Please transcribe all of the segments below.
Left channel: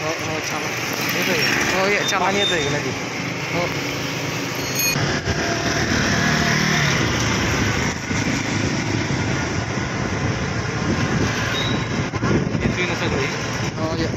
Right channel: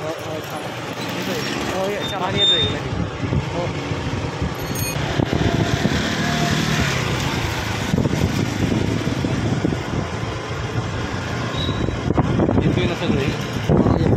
हो हो चालन येतोय. हो ये चालन येतोय लगेच. हो येतोय ना सगळं. हो ये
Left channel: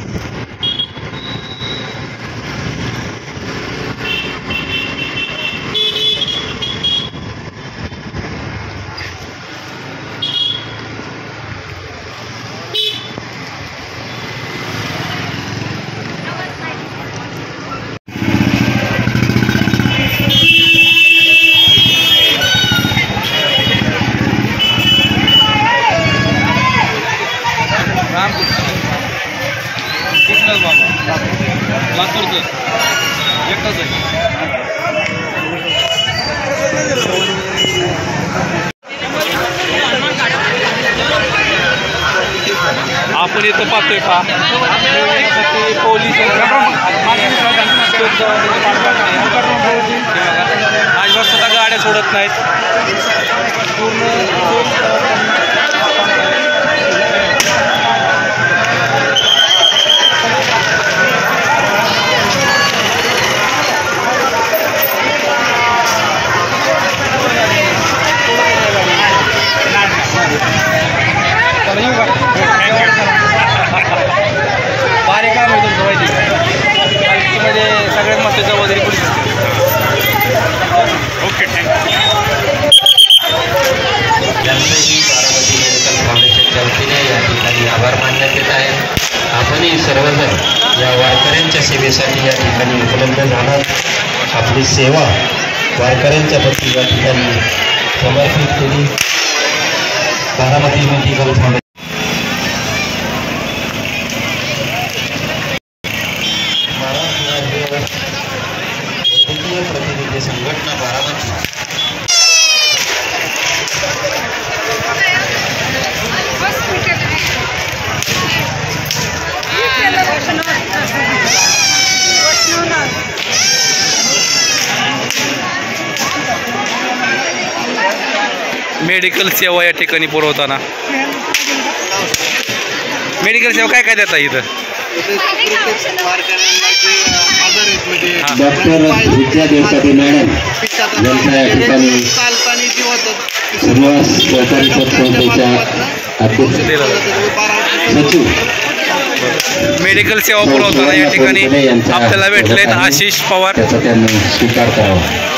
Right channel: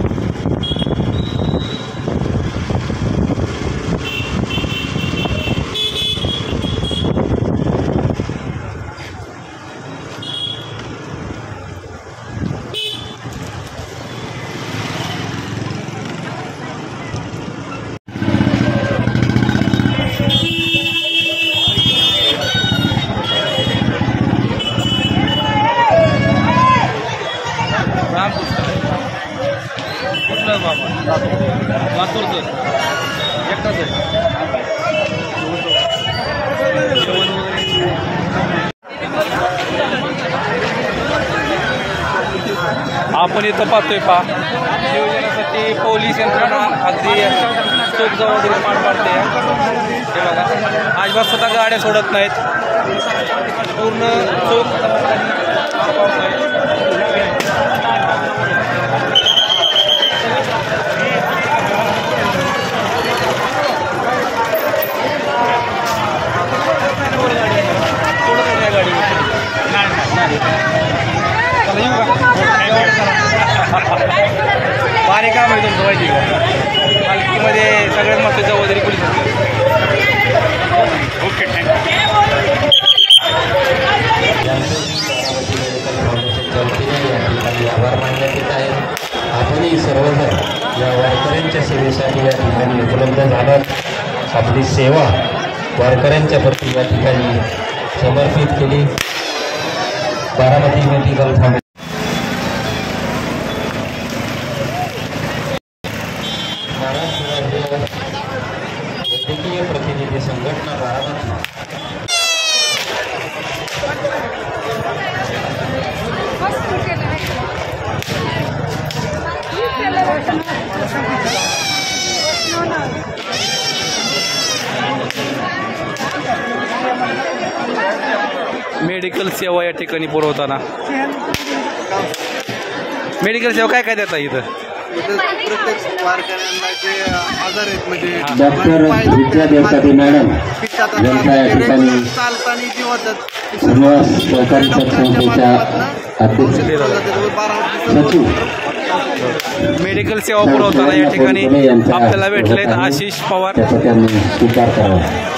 कुठलं बाबा लातूरचं एकटाच आहे. जेवण वगैरे आपण इथं पाहतोय नियोजनासाठी पोलीस यंत्रणा आपली चोख जबाबदारी पार पाडते. हे बघा अजिबात सुद्धा गाड्या सोडत नाहीत. पूर्ण चोख जबाबदारी पार पाडतायत. भारी काम आहे तुमचं माहिती का. पालखीमध्ये सगळ्यात मस्त जबाबदारी पोलीस असते. Okay thank you. बारामती मेडिकल फाउंडेशनच्या वतीने या ठिकाणी आभार मानण्यात येत आहेत. आपणही सर्वजण या वारकऱ्यांच्या सेवेसाठी या ठिकाणी उपलब्ध झालात. आपली सेवा वारकऱ्यांच्या प्रती या ठिकाणी समर्पित केली. बारामती मेडिकल फाउंडेशन वैद्यकीय प्रतिनिधी संघटना बारामती मेडिकल सेवा या ठिकाणी पुरवताना मेडिकल सेवा काय काय देता इथं. प्रत्येक वारकऱ्यांना जे आजार आहेत म्हणजे डॉक्टर विद्या देवसाठी मॅडम चालताना जी होतात मेडिकल सेवा पुरवताना या ठिकाणी आपल्याला भेटलेत आशिष पवार. स्वीकार करावा.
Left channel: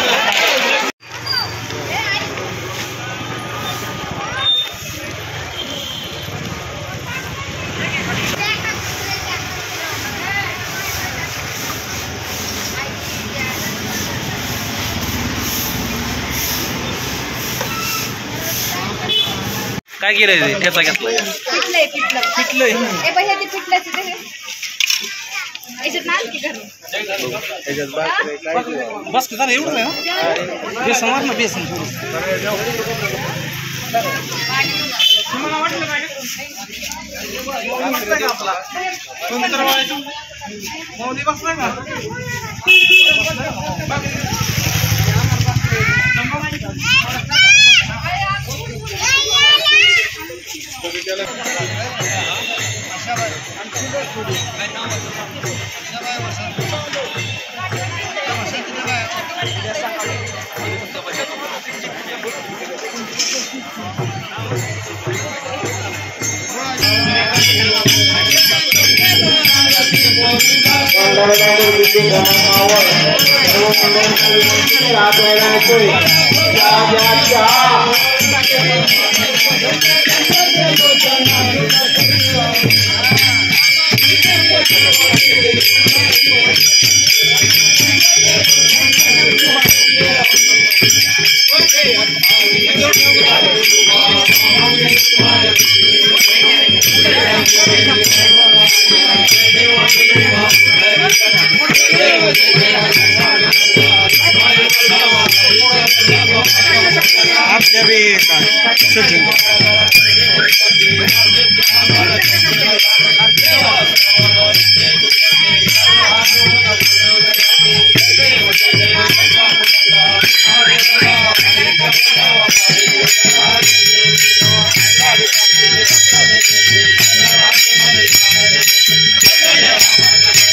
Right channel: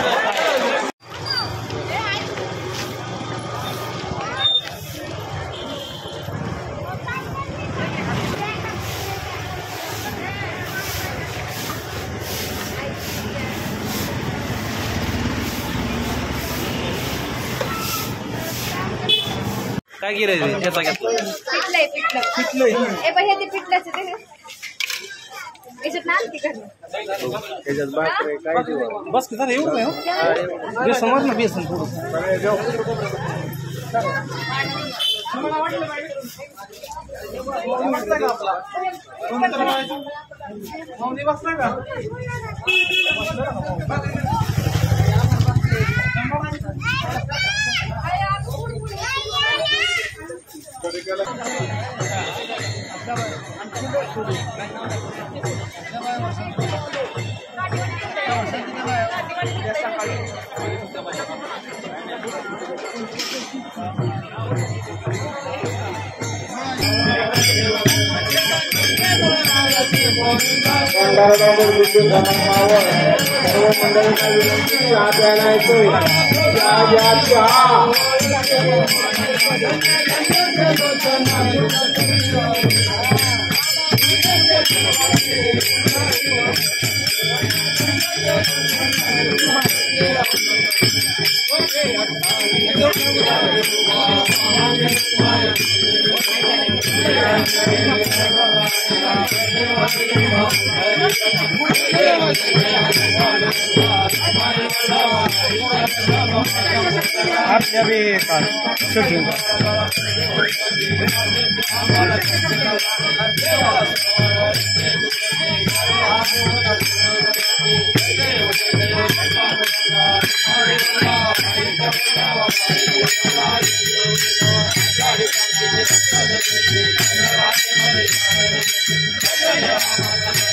काय केलंय त्याचा घेतला पिठलंय बस का एवढं नाही. बेसन वर ना बेसन आपल्या भी शूटिंग Thank you.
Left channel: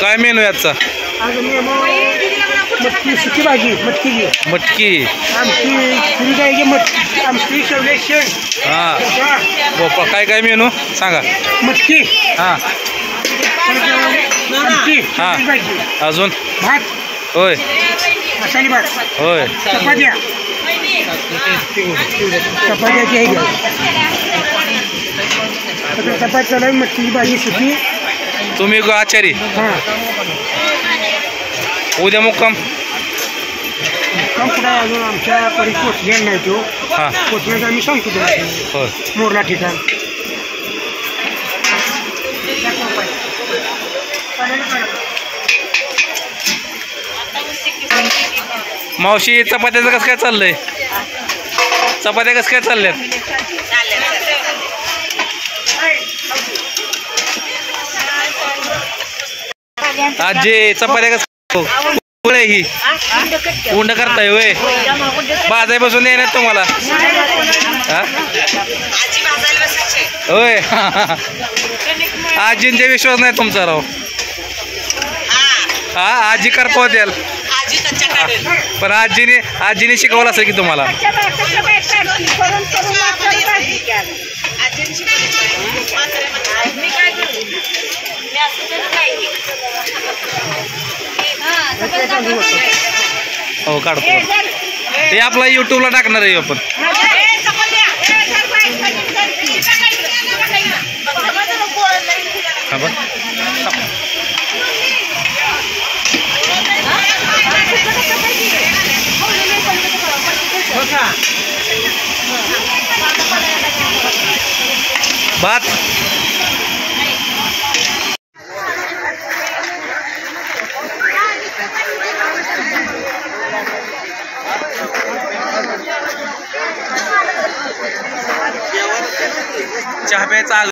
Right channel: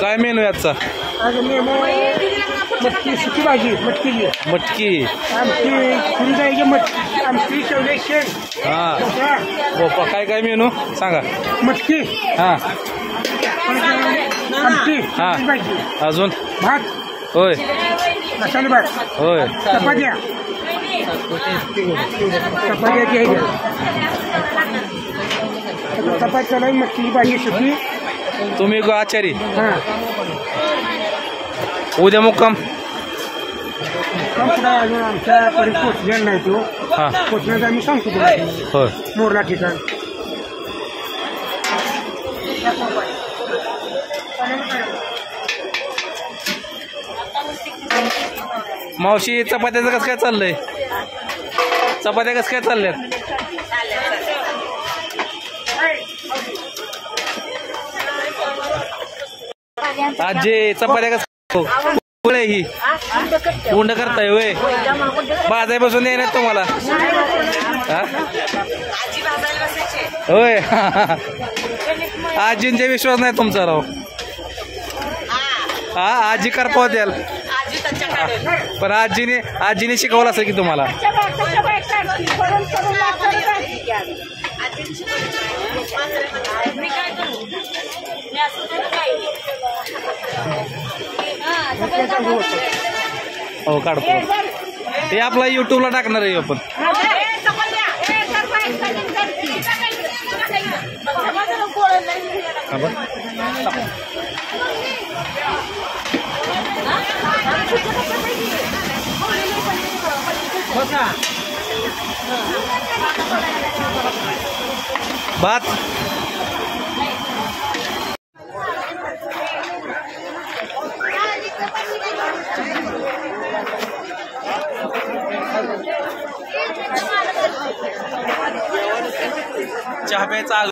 काय मेनू याचा? मटकी सुकी भाजी, मटकी मटकी, आमटी शेवले शेंग, भोपळा. काय काय मेनू सांगा. मटकी, हां आमटी, हां. भाजी, अजून भात, होय मसाले भात, होय. चपात्या, चपात्या, मटकी भाजी सुकी. तुम्ही आचारी. हां, उद्या मुक्काम. पुढे अजून आमच्या परी पोचलेला नाही तो. हां पोचण्याचं आम्ही सांगतो तुम्हाला. होय. मोरला ठिकाण. मावशी चपात्याचं कसं काय चाललंय? चपात्या कसं काय चालल्यात? आजी चपात्या कसं ही उंड करताय होय? बाजायपासून येणार तुम्हाला होय. आजींचा विश्वास नाही तुमचा राव. हा आजी करपाव द्याल पण आजीने शिकवलं असेल की तुम्हाला. हो काढतो. हे आपला यूट्यूबला टाकणार आहे आपण. भात चहा प्यायचा.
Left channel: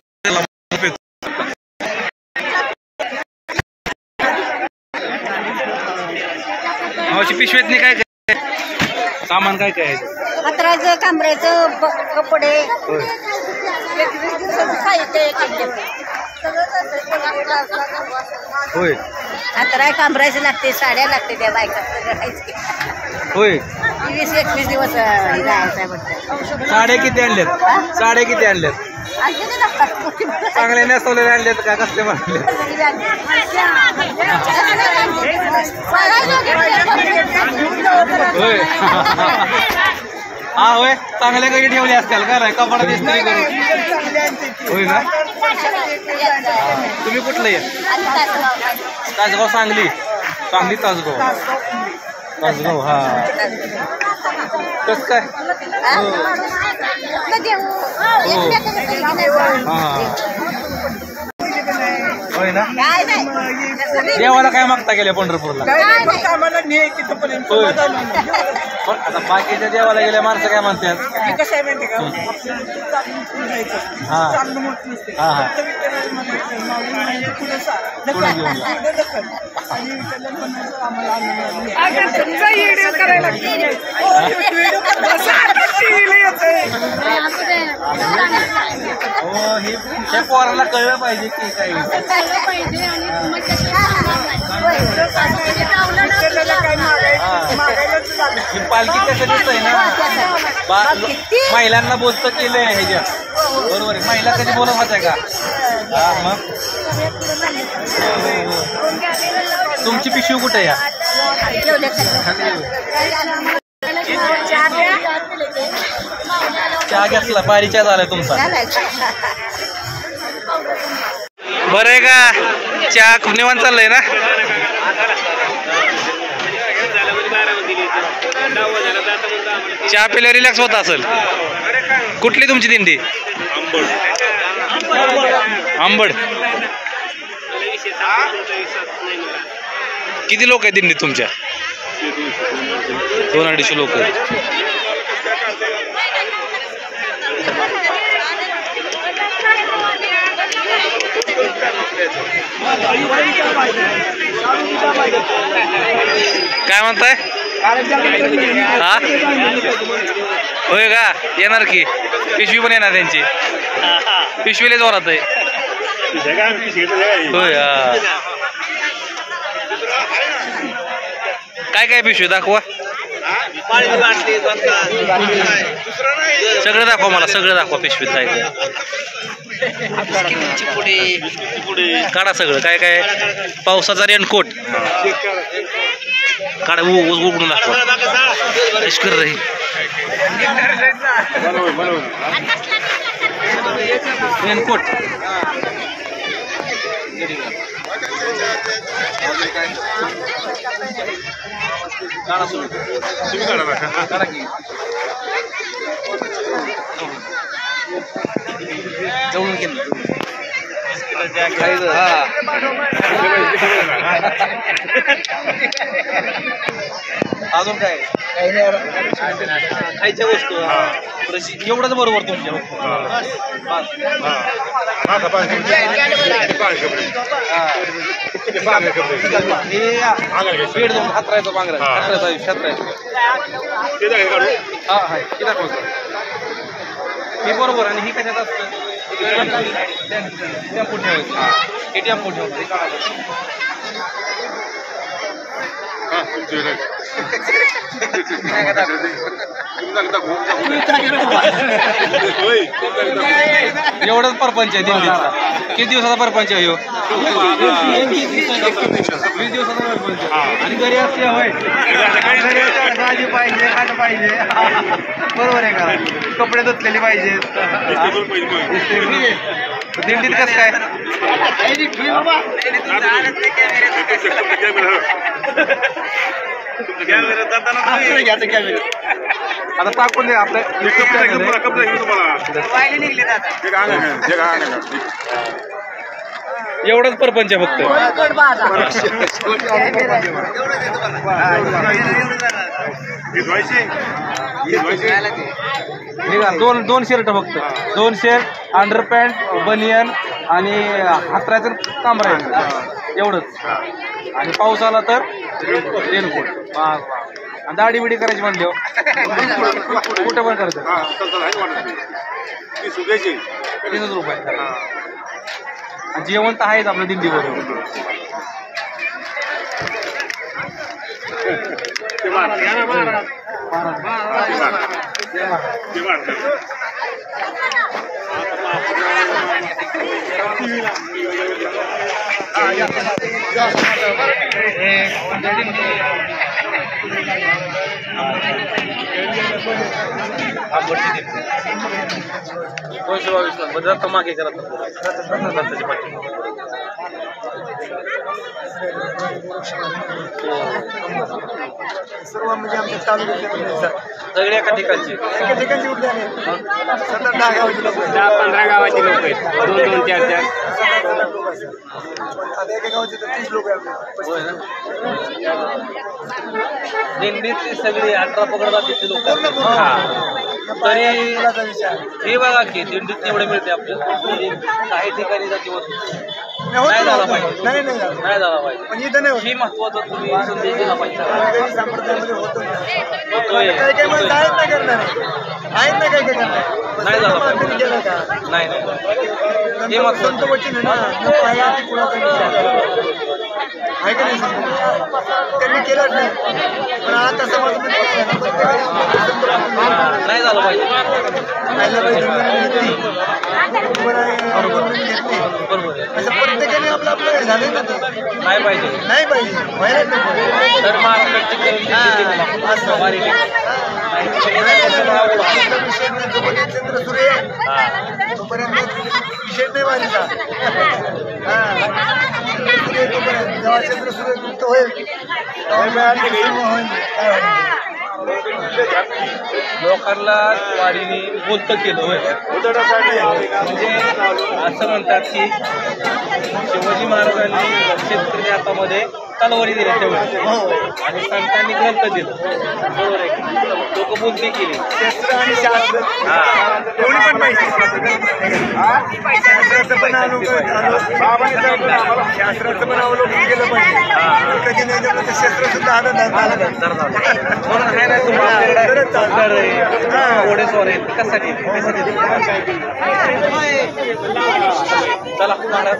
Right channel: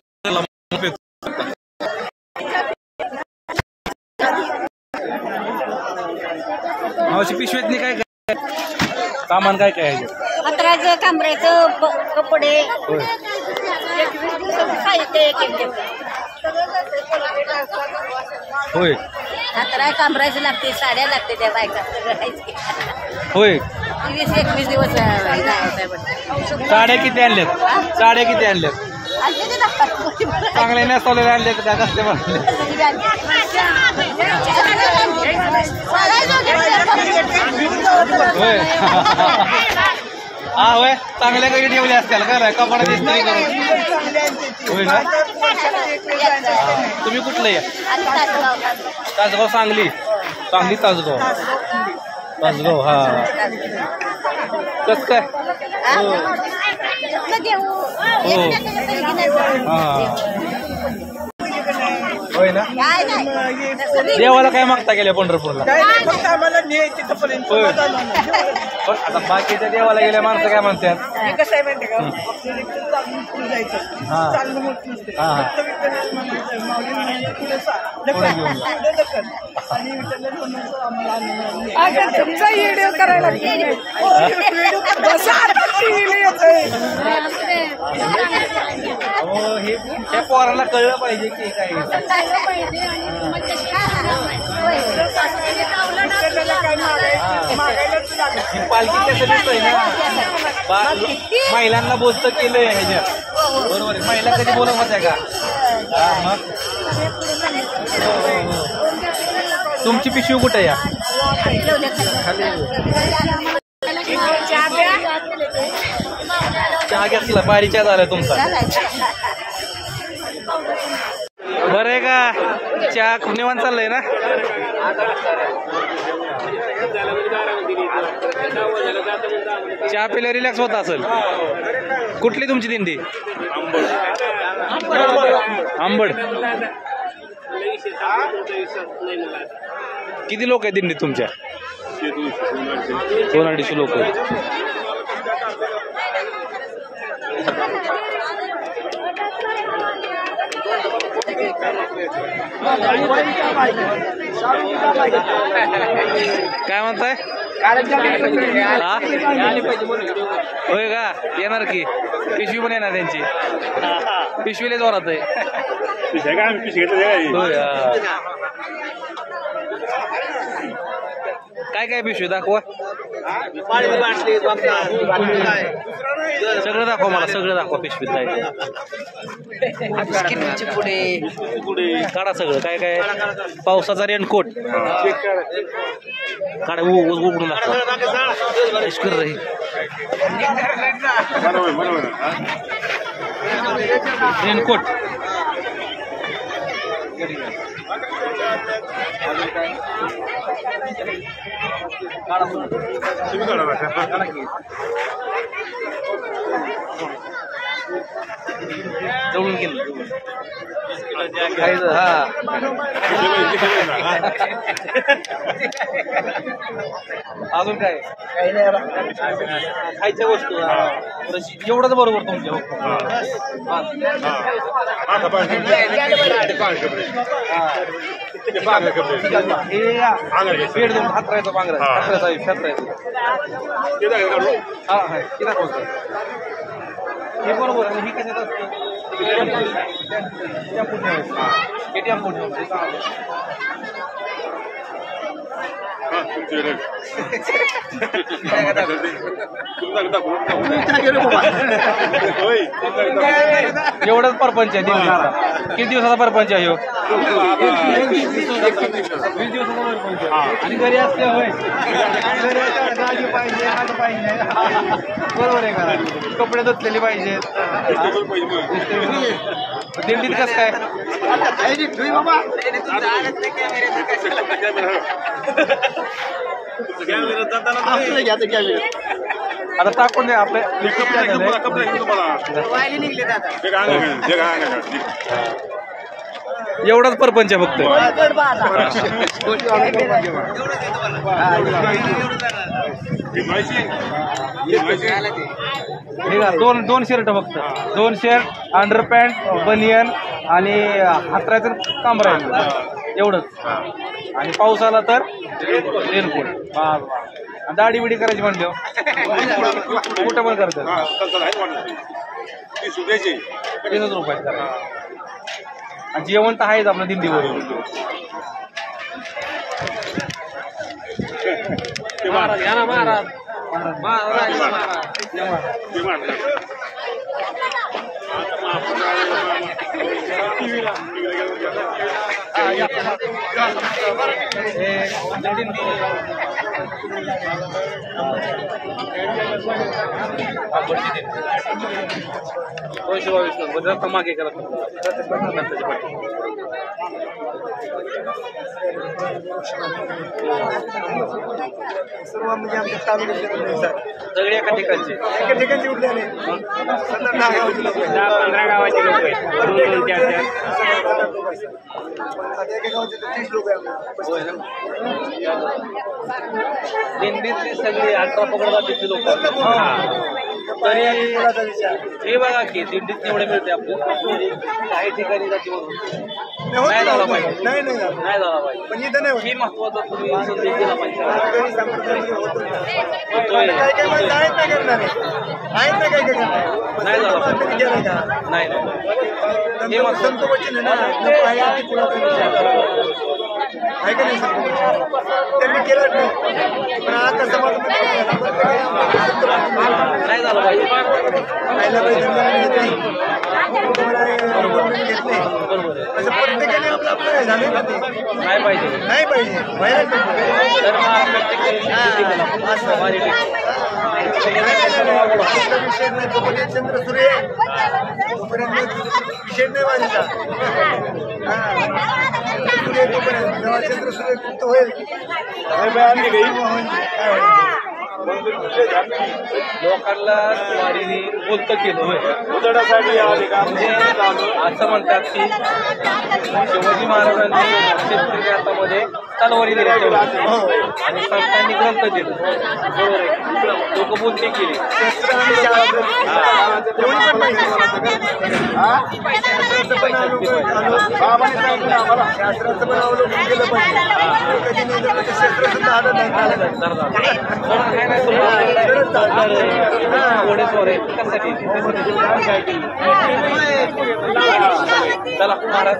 मावशी पिशवीतनी काय काय सामान काय काय आहे? कचऱ्याचं, कांबऱ्याचं, कपडे, 21 दिवसाचं साहित्य होय. कचरा कांबऱ्याचं लागते, साड्या लागते, त्या बायका सगळं आहे. होय. 20-21 दिवस साड्या किती आणल्यात? साड्या किती आणल्यात? चांगले नेसवलेले आणलेत काय कसले म्हणले? होय. हा होय. चांगल्या काही ठेवले असतील का कपडा इस्त्री करून? होय ना. तुम्ही कुठलं आहे? तासगाव. सांगली. सांगली तासगाव. तासगाव हा. कसं काय? होय ना काय नाही तसं नाही. देवाला काय मागता गेल्या पंढरपूरला काय नाही. आम्हाला नाही तिथंपर्यंत होय. समाधान होणार. पण आता बाकीच्या देवाला गेल्या माणसं काय म्हणतात हे कसं आहे माहिती का आपल्याला इथं चालून पुढे जायचं हा. चालणं मोठ नसते हा, हा. फक्त विठ्ठलाला म्हणायचं माऊली म्हणजे पुढे पुढे घेऊन जा. पुढे ढकल आणि विठ्ठलाला म्हणायचं आम्हाला आनंद नाही. हो हे त्या पोराला कळलं पाहिजे की काय ही पालखी कसं दिसतंय ना महिलांना बोलतं केलंय ह्याच्यात बरोबर आहे महिला कधी बोलत होत्या का हा मग तुमची पिशवी कुठे या चहा घेतला पायरी चहा झालाय तुमचा बरं आहे का चहा खूप निवांत चाललंय ना चहा पिल्यावर रिलॅक्स होत असेल कुठली तुमची दिंडी आंबड किती लोक आहेत दिंडीत तुमच्या 200-250 लोक आहेत काय म्हणताय हा होय का येणार की पिशवी पण येणार त्यांची पिशवीला जोरात आहे होय काय काय पिशवी दाखवा सगळं दाखवा मला सगळं दाखवा पिशवीत काय काढा सगळं काय काय पावसाचा रेनकोट काढा उघडून दाखवा कर रे रेनकोट काढा तुम्ही काढा की जवळून केलं अजून काय खायच्या वस्तू एवढंच बरोबर तुमच्या पेट दोन हात राहायचं पांघरायचं हे बरोबर आणि ही कशात असतं टेम्पो ठेवायचं हे टेम्पो ठेवायचं एवढंच परपंच आहे दिल्लीचा किती दिवसाचा परपंच आहे 20 दिवसाचा परपंच आणि घरी असते होय भाजी पाहिजे हात पाहिजे बरोबर आहे का कपडे धुतलेले पाहिजे दिंडीत कसं काय आता टाकून दे आपले एवढंच परपंच आहे फक्त दोन शर्ट फक्त 2 शर्ट अंडरपॅन्ट बनियन आणि हातराचं काम राहील एवढंच आणि पाऊस आला तर रेनकोट आणि दाढी बिडी करायची म्हणली कुठे पण करतात 30 रुपये जेवण तर आहेच आपल्या दिंडीवर आंबटची दिंडी 222 नंबर जर मागे करत त्याची पाठी सर्व म्हणजे आमच्या तालुक्यातले म्हणजे सगळे एका ठिकाणची एका ठिकाणची उठले आले 7-10 गावाचे लोक आहेत 15 गावाचे लोक आहेत पण आता एका गावाचे तर 30 लोक आहे होय ना दिंडीतली सगळी 18 पकड जातीची लोक तरी हे बघा की दिंडीत एवढे मिळते आपल्याला तरी काही ठिकाणी जातीवरून नाही झाला पाहिजे नाही झाला पाहिजे पण इथं नाही ही महत्वाचं तुम्ही संदेश दिला पाहिजे वारकरी संप्रदायामध्ये होतोय काही काही माणसं आहेत ना करणारे आहेत ना काही करणारे नाही झालं माणसाने केलं का नाही संत वचन आहे ना न पाहिला ती कुणाचा विचार आहे का नाही संत वचन त्यांनी केलंच नाही पण आता समाजामध्ये काय झालं प्रत्येकाने आपल्या संत वचन नाही झालं पाहिजे आयल्याबाई धनगराने घेतली तुम्हाला गव्हर्नमेंट घेतले बरोबर असं प्रत्येकाने आपलं आपलं काय झालंय ना ते नाही पाहिजे व्हायला नको तर महाराष्ट्राची असं विषय नाही जोपर्यंत चंद्र सूर्य आहे तोपर्यंत विषय नाही वारीचा चंद्र सूर्य तोपर्यंत जेव्हा चंद्र सूर्य गुप्त होईल काय होईल लोकांना वारीने बोलतं केलं होय म्हणजे असं म्हणतात की शिवाजी महाराजांनी शेतकरी हातामध्ये तलवारी दिल्या तेवढ्या आणि संतांनी ग्रंथ दिलं बरोबर आहे लोक बोलते केली शस्त्र आणि शास्त्र दोन्ही पण पाहिजे शास्त्राचं पण शास्त्राचं पण अवलोकन केलं पाहिजे कधी नाही जमलं तर शस्त्र सुद्धा हातात घोडेस्वार आहेत कशासाठी चला महाराज